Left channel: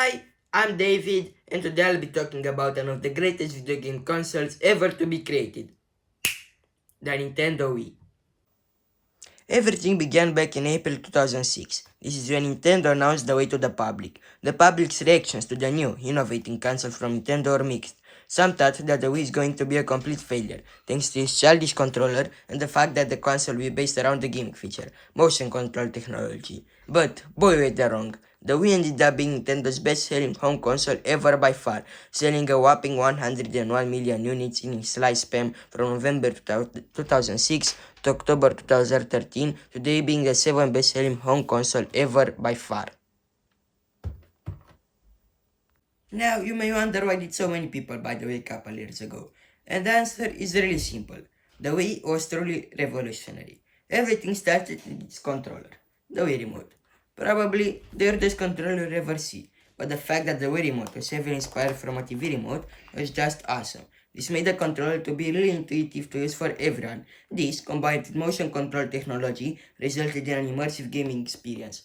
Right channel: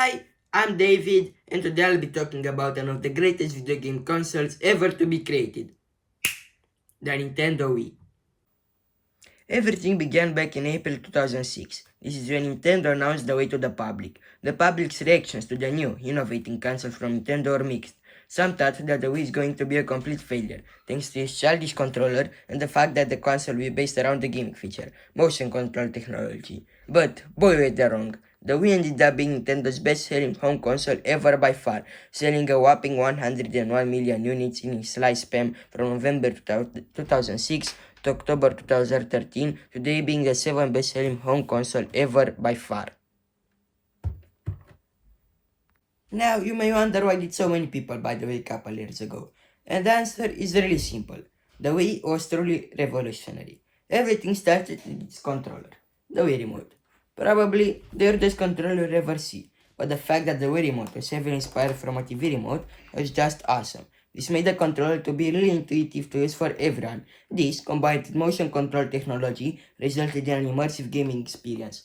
Hi, I'm David, and today I'll be talking about one of the greatest video game consoles ever to be created, the Nintendo Wii. Everything began back in April 2006. This is when Nintendo announced the Wii to the public. The public's reactions to the new, innovating console from Nintendo were mixed. Some thought that the Wii is going to be a complete failure, thanks to its childish controller and the fact that the console will be based around the gimmick feature, motion control technology. But, boy were they wrong. The Wii ended up being Nintendo's best-selling home console ever by far, selling a whopping 101 million units in its lifespan from November 2006 to October 2013, today being the 7th best-selling home console ever by far. Now, you may wonder why did so many people buy the Wii a couple years ago? And the answer is really simple. The Wii was truly revolutionary. Everything started with its controller, the Wii Remote. Probably the weirdest controller you ever see, but the fact that the Wii Remote was heavily inspired from a TV remote was just awesome. This made the controller to be really intuitive to use for everyone. This, combined with motion control technology, resulted in an immersive gaming experience.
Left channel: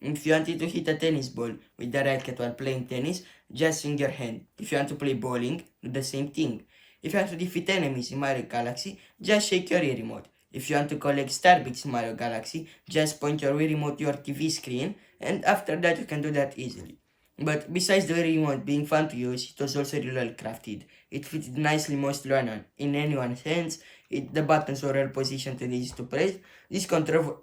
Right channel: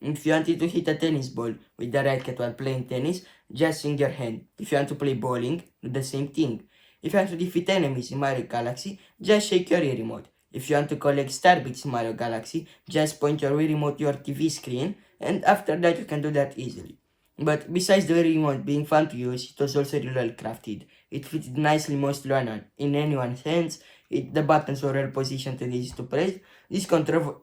If you wanted to hit a tennis ball with the racket while playing tennis, just swing your hand. If you want to play bowling, do the same thing. If you want to defeat enemies in Mario Galaxy, just shake your Wii remote. If you want to collect star bits in Mario Galaxy, just point your Wii remote to your TV screen, and after that you can do that easily. But besides the Wii remote being fun to use, it was also really well crafted. It fitted nicely mostly in anyone's hands. The buttons were well positioned and easy to press. This control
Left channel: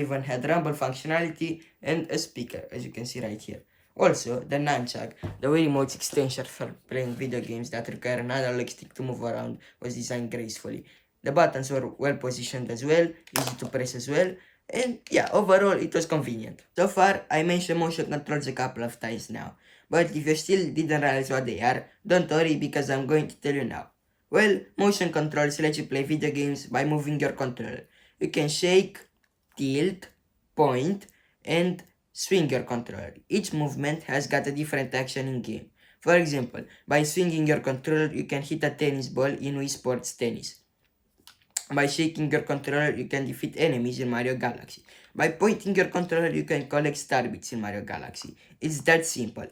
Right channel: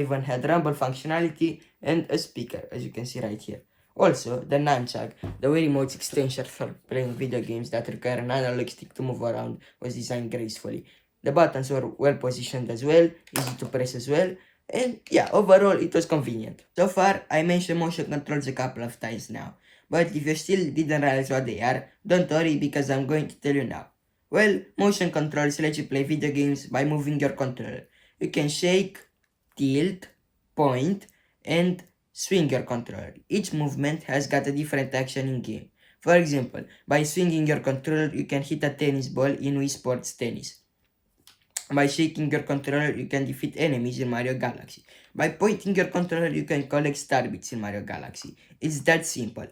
even had rumble functionality and a speaker, as you can see right here. Also, the nunchuck, the Wii remote's extension for playing video games that require an analog stick to move around, was designed gracefully. The buttons were well positioned as well, easy to press as well, and yeah, overall it was convenient. So far, I mentioned motion controls a couple of times now, but if you still didn't realize what they are, don't worry because I'm going to tell you now. Well, motion controls let you play video games by moving your controller. You can shake, tilt, point, and swing your controller. Each movement has got a different action in game. For example, by swinging your controller, you can hit a tennis ball in Wii Sports Tennis. By shaking your controller, you can defeat enemies in Mario Galaxy. By pointing your controller, you can collect star bits in Mario Galaxy. It's that simple.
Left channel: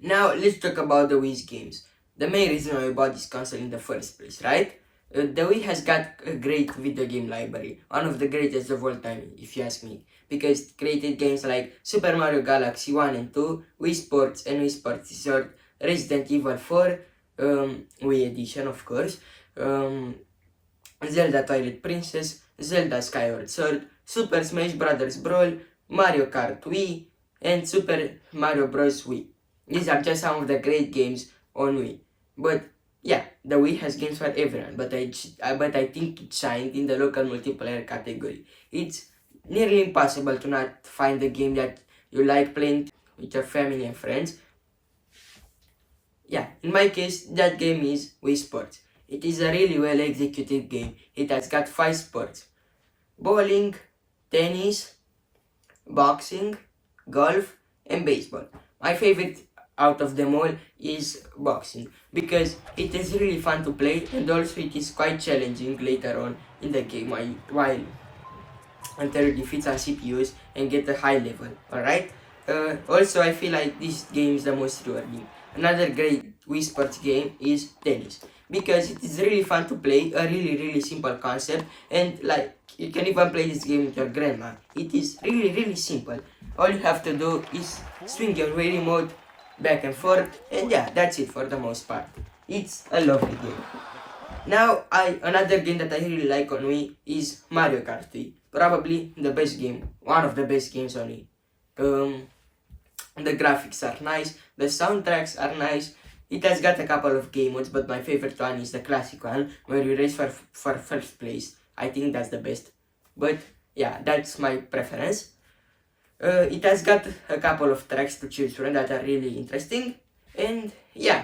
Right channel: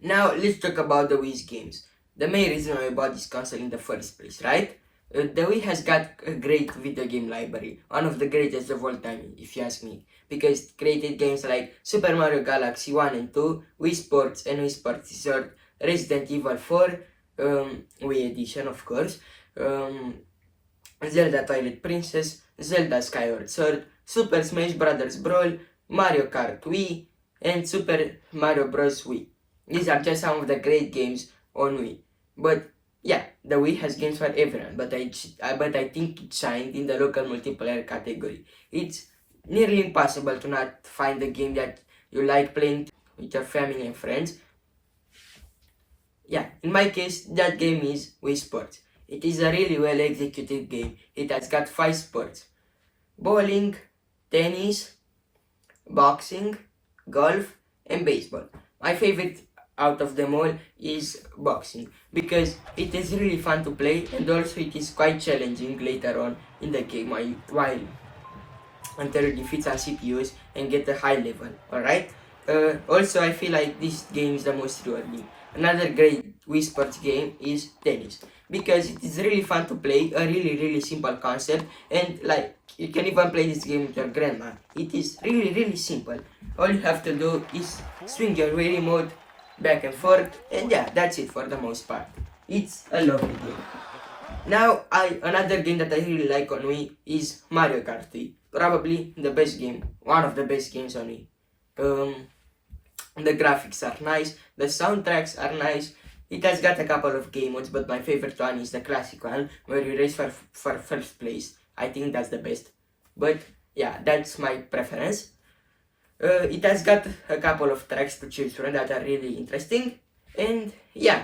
Now, let's talk about the Wii's games. The main reason why I bought this console in the first place, right? The Wii has got a great video game library, one of the greatest of all time, if you ask me, because it created games like Super Mario Galaxy 1 and 2, Wii Sports and Wii Sports Resort, Resident Evil 4, Wii Edition, of course, Zelda Twilight Princess, Zelda Skyward Sword, Super Smash Bros. Brawl, Mario Kart Wii, and Super Mario Bros. Wii. These are just some of the great games on Wii. But yeah, the Wii has games for everyone, but I think it shined in the local multiplayer category. It's nearly impossible to not find a game that you like playing with your family and friends. Yeah, in my case, that game is Wii Sports. It is a really well executed game. It has got 5 sports: bowling, tennis, boxing, golf, and baseball. My favorite out of them all is boxing because it is really fun to play and also it is quite challenging later on in the game while until you defeat some CPUs and get a high level. Alright? Also, I feel like this game is the most rewarding. Another great Wii Sports game is tennis because it is really fun to play, a really simple concept, and like you can even play this game with your grandma. It is really simple. All you have to do is swing your Wii remote back and forth, and yeah, that's it for the most part. It's a lovely game. Now, another game that I really like on Wii is Mario Kart Wii. Probably the best game, one of the best games on Wii. The graphics are nice, the soundtracks are nice. It has got a couple of game modes, but my favorite one is the classic one, where you race for first place. I think that's the best. But yeah, that's my preference. It has got a couple of tracks to choose from that are really interesting. And yeah,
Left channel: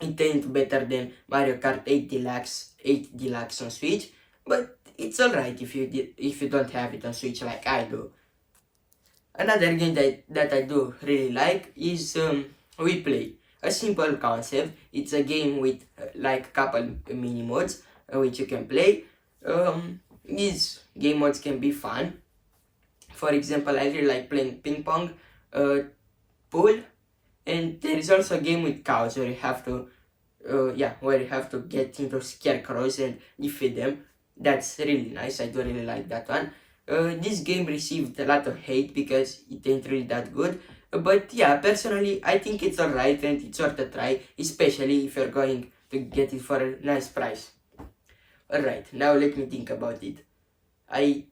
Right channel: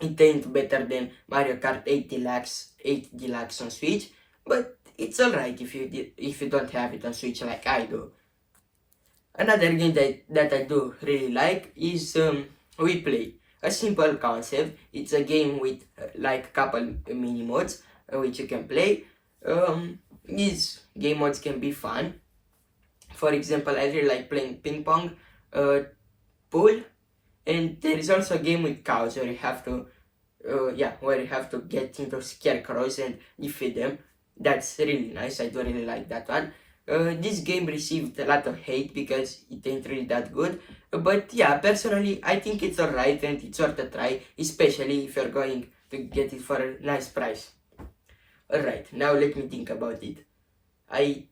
it ain't better than Mario Kart 8 Deluxe on Switch, but it's alright if you don't have it on Switch like I do. Another game that I do really like is Wii Play. A simple concept. It's a game with like a couple mini modes which you can play. These game modes can be fun. For example, I really like playing ping pong. pool, and there is also a game with cows where you have to where you have to get into scarecrows and defeat them. That's really nice. I do really like that one. This game received a lot of hate because it ain't really that good. But yeah, personally, I think it's alright and it's worth a try, especially if you're going to get it for a nice price. Alright, now let me think about it. A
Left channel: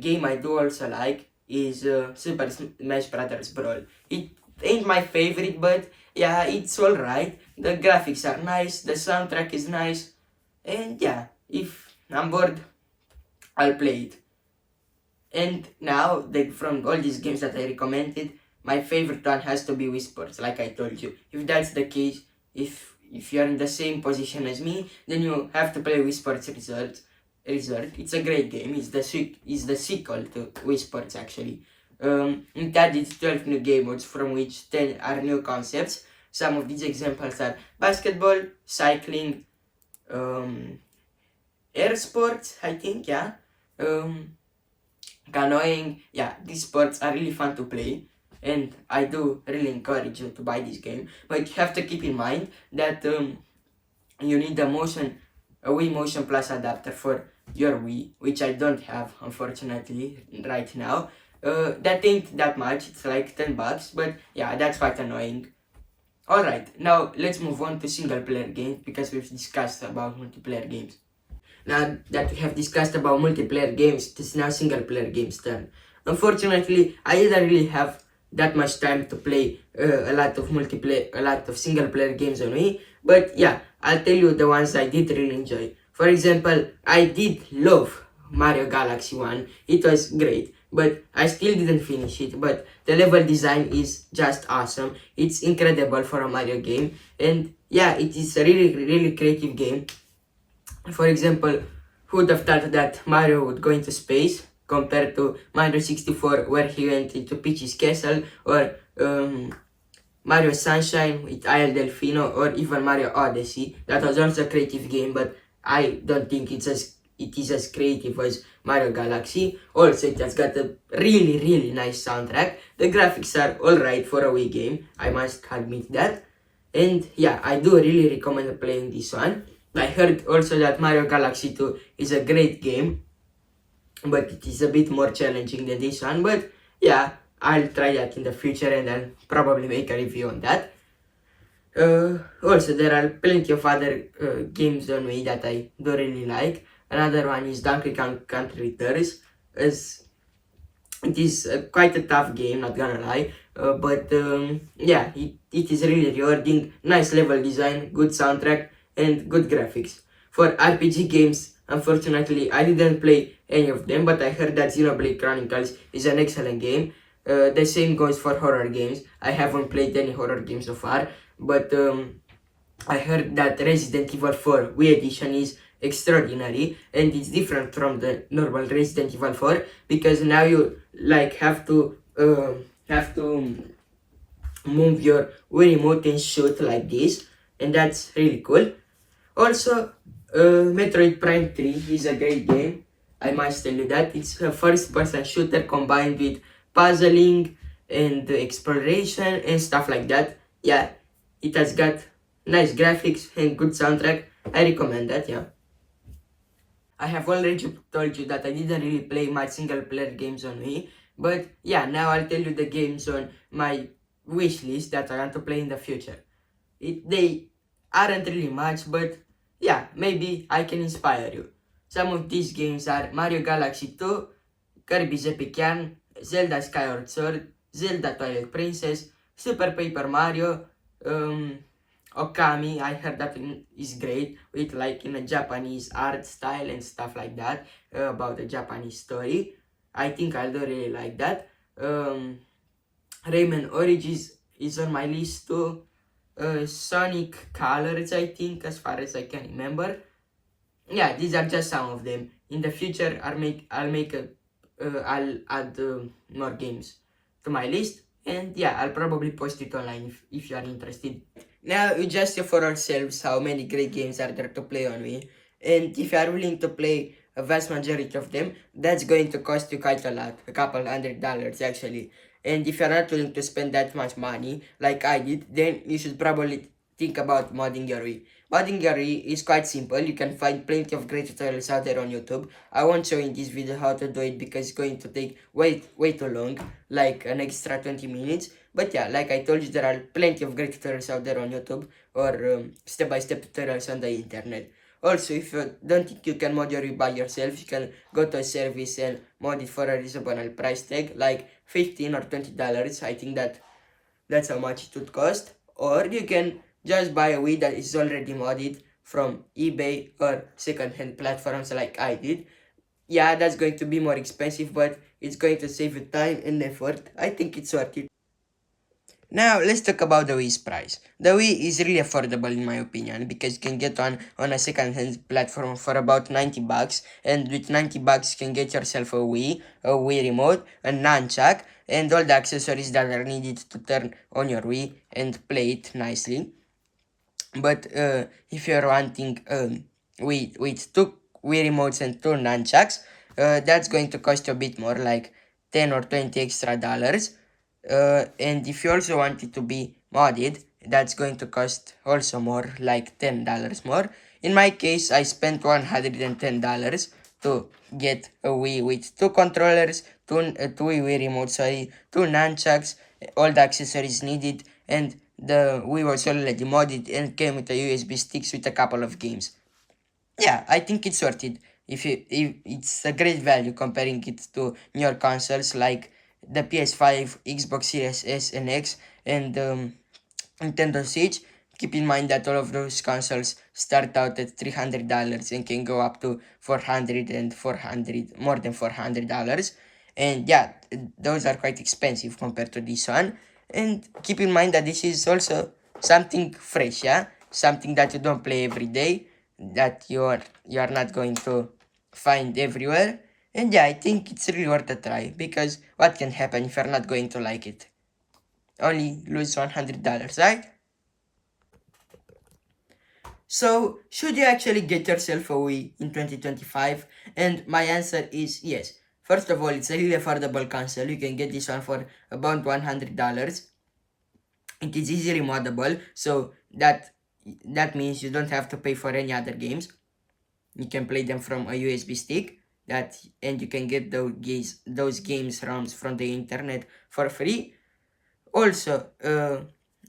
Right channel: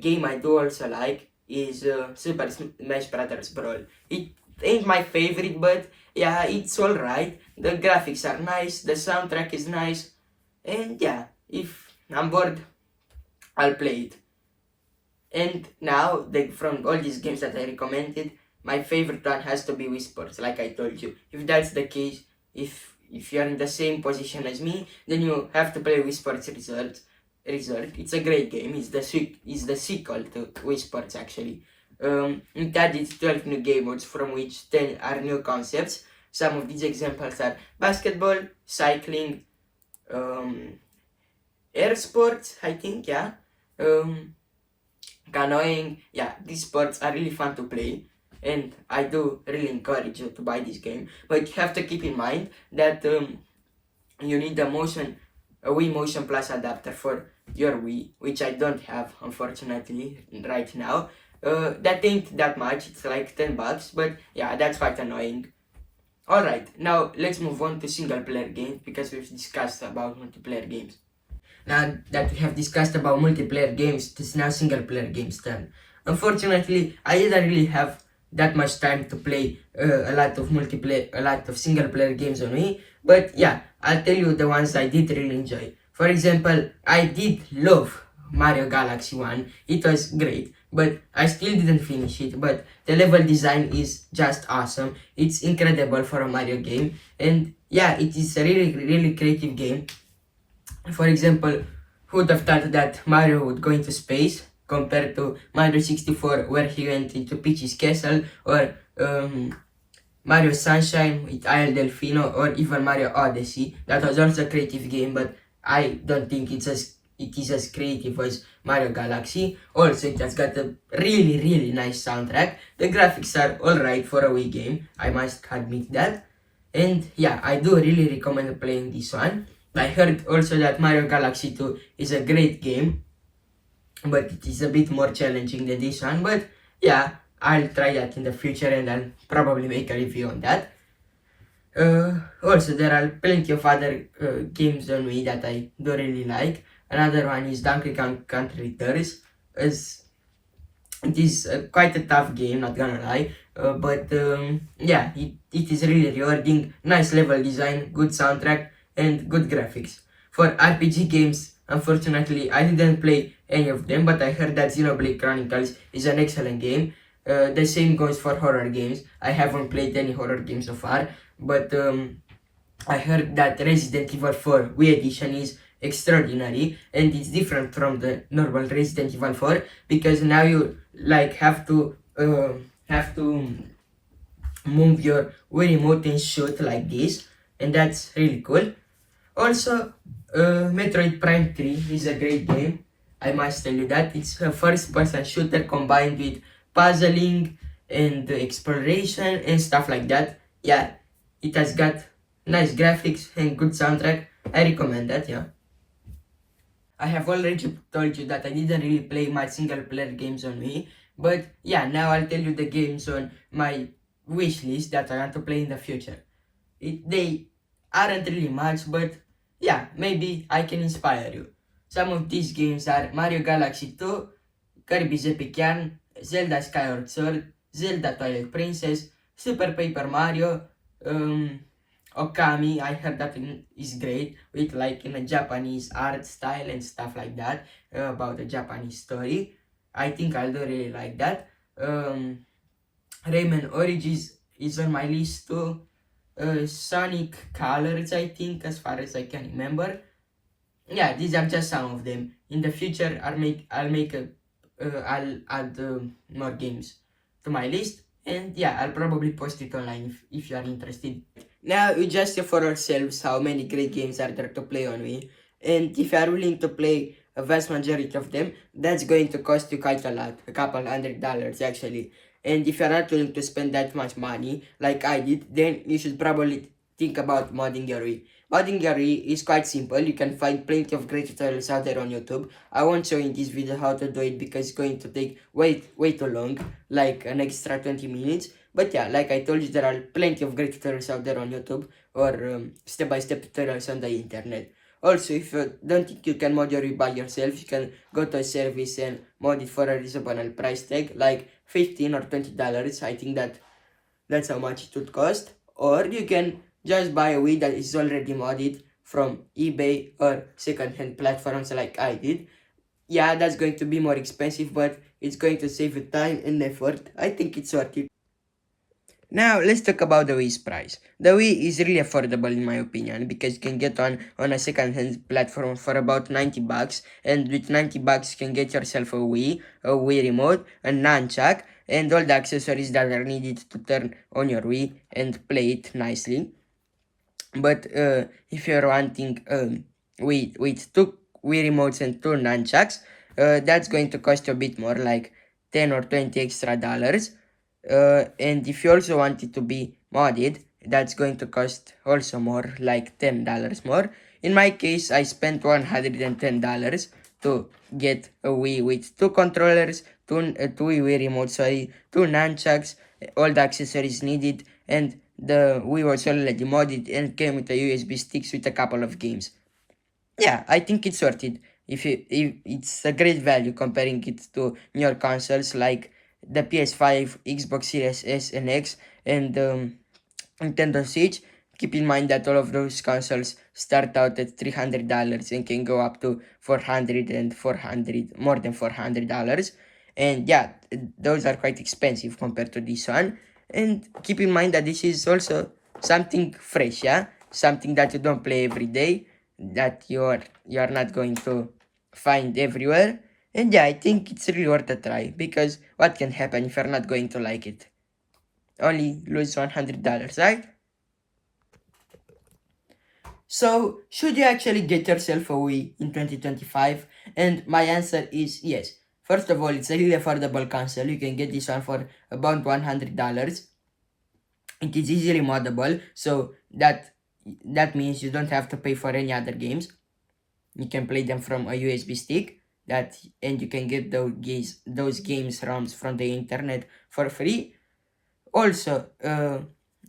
game I do also like is Super Smash Brothers Brawl. It ain't my favorite, but yeah, it's alright. The graphics are nice, the soundtrack is nice, and yeah, if I'm bored, I'll play it. And now, from all these games that I recommended, my favorite one has to be Wii Sports, like I told you. If that's the case, if you're in the same position as me, then you have to play Wii Sports Resort. It's a great game. It's the sequel to Wii Sports actually. It added 12 new game modes, from which 10 are new concepts. Some of these examples are basketball, cycling, air sports, I think, yeah. Canoeing, yeah, these sports are really fun to play, and I do really encourage you to buy this game. But you have to keep in mind that you need a Wii Motion Plus adapter for your Wii, which I don't have, unfortunately, right now. That ain't that much, it's like $10, but yeah, that's quite annoying. Alright, now let's move on to single player games because we've discussed about multiplayer games. Now that we have discussed about multiplayer games, it is now single player games turn. Unfortunately, I didn't really have that much time to play a lot of single player games on me. But yeah, I'll tell you the ones I did really enjoy. For example, I did love Mario Galaxy 1. It was great, but I still didn't finish it. But the level design is just awesome. It's incredible for a Mario game. And yeah, it is a really, really creative game. For example, who would have thought that Mario would go into space compared to Mario 64 where he went into Peach's castle, or Mario Sunshine with Isle Delfino, or even Mario Odyssey. That was also a creative game, but I don't think it is as creative as Mario Galaxy. Also, it has got a really, really nice soundtrack. The graphics are alright for a Wii game, I must admit that. And yeah, I do really recommend playing this one. I heard also that Mario Galaxy 2 is a great game, but it is a bit more challenging than this one. But yeah, I'll try that in the future and I'll probably make a review on that. Also, there are plenty of other games on Wii that I do really like. Another one is Donkey Kong Country Returns. It is quite a tough game, not gonna lie. But yeah, it is really rewarding. Nice level design, good soundtrack, and good graphics. For RPG games, unfortunately, I didn't play any of them, but I heard that Xenoblade Chronicles is an excellent game. The same goes for horror games. I haven't played any horror games so far, but I heard that Resident Evil 4 Wii Edition is extraordinary, and it's different from the normal Resident Evil 4 because now you like have to move your Wii remote and shoot like this, and that's really cool. Also, Metroid Prime 3 is a great game. I must tell you that. It's a first-person shooter combined with puzzling and exploration and stuff like that. Yeah, it has got nice graphics and good soundtrack. I recommend that, yeah. I have already told you that I didn't really play my single-player games on Wii. But yeah, now I'll tell you the games on my wish list that I want to play in the future. They aren't really much, but yeah, maybe I can inspire you. Some of these games are Mario Galaxy 2, Kirby's Epic Yarn, Zelda Skyward Sword, Zelda Twilight Princess, Super Paper Mario, Okami. I heard that is great, with like in a Japanese art style and stuff like that, about a Japanese story. I think I'll do really like that. Rayman Origins is on my list too. Sonic Colors, I think, as far as I can remember. Yeah, these are just some of them. In the future, I'll add more games to my list, and yeah, I'll probably post it online if you are interested. Now we just see for ourselves how many great games are there to play on me, and if you are willing to play a vast majority of them, that's going to cost you quite a lot, a couple $100 actually. And if you're not willing to spend that much money, like I did, then you should probably think about modding your Wii. Modding your Wii is quite simple. You can find plenty of great tutorials out there on YouTube. I won't show in this video how to do it because it's going to take way too long, like an extra 20 minutes. But yeah, like I told you, there are plenty of great tutorials out there on YouTube or step-by-step tutorials on the internet. Also, if you don't think you can mod your Wii by yourself, you can go to a service and mod it for a reasonable price tag, like $15 or $20. I think that's how much it would cost. Or you can just buy a Wii that is already modded from eBay or second-hand platforms like I did. Yeah, that's going to be more expensive, but it's going to save you time and effort. I think it's worth it. Now let's talk about the Wii's price. The Wii is really affordable in my opinion because you can get on a second-hand platform for about 90 bucks, and with 90 bucks you can get yourself a Wii remote, a nunchuck, and all the accessories that are needed to turn on your Wii and play it nicely. But if you're wanting with two Wii remotes and two nunchucks, that's going to cost you a bit more, like 10 or 20 extra dollars. And if you also want it to be modded, that's going to cost also more, like $10 more. In my case, I spent $110 to get a Wii with two controllers, two Wii remotes, sorry, two nunchucks, all the accessories needed, and the Wii was already modded and came with a USB sticks with a couple of games. Yeah, I think it's worth it. If it's a great value comparing it to newer consoles like the PS5, Xbox Series S and X, and Nintendo Switch. Keep in mind that all of those consoles start out at $300 and can go up to 400 and 400, more than $400. And yeah, those are quite expensive compared to this one. And keep in mind that this is also something fresh, yeah, something that you don't play every day, that you are not going to find everywhere. And yeah, I think it's really worth a try because what can happen if you're not going to like it? Only lose $100, right? So, should you actually get yourself a Wii in 2025? And my answer is yes. First of all, it's a really affordable console. You can get this one for about $100. It is easily moddable, so that means you don't have to pay for any other games. You can play them from a USB stick, and you can get those games ROMs from the internet for free. Also,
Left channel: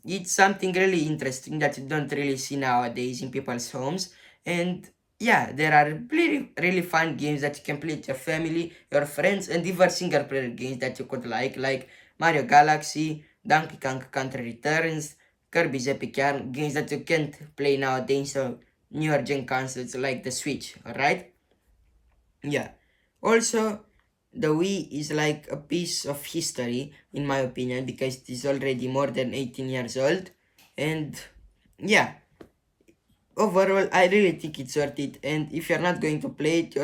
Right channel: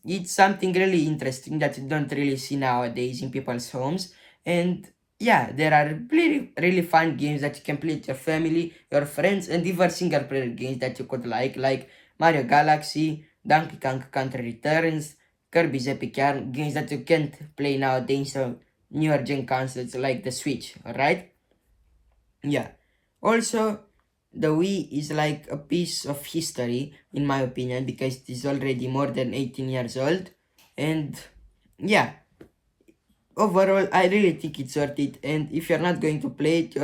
it's something really interesting that you don't really see nowadays in people's homes. And yeah, there are really fun games that you can play with your family, your friends, and even single player games that you could like Mario Galaxy, Donkey Kong Country Returns, Kirby's Epic Yarn, games that you can't play nowadays on newer gen consoles like the Switch, alright? Yeah. Also, the Wii is like a piece of history, in my opinion, because it is already more than 18 years old. And yeah, overall, I really think it's worth it. And if you're not going to play it,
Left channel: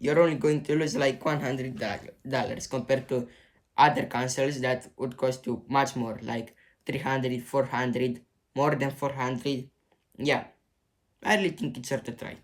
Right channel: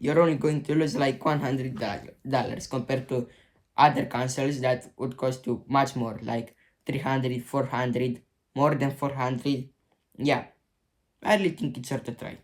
you're only going to lose like $100 compared to other consoles that would cost you much more, like 300, 400, more than 400. Yeah, I really think it's worth a try.